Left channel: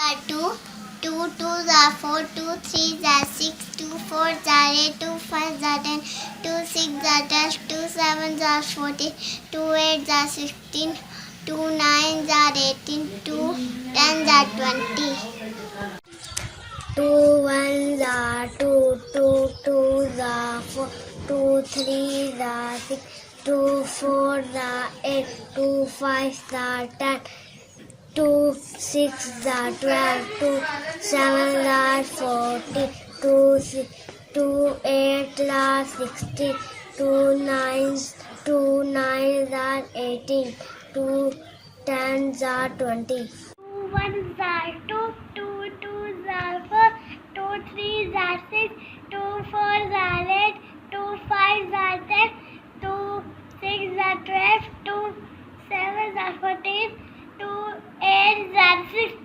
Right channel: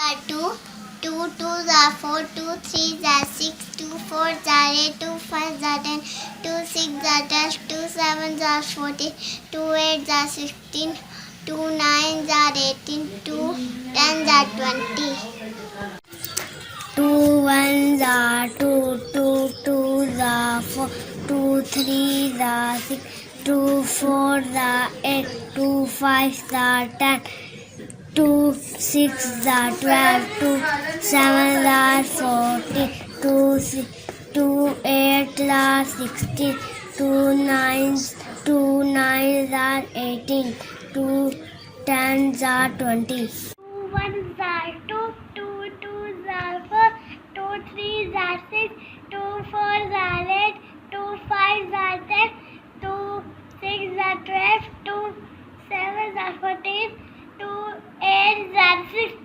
Two, two twos are four, two threes are six, two fours are eight, two fives are 10, two sixes are 12, two sevens are 14, two eights are 16, two nines are 18, two tens are 20. Two ones are two, two twos are four, two threes are six, two fours are eight, two fives are 10, two sixes are 12, two sevens are 14, two eights are 16, two nines are 18, two tens are 20. Two ones are two, two twos are four, two threes are six, two fours are eight, two fives are 10, two sixes are 12, two sevens are 14, two eights are 16.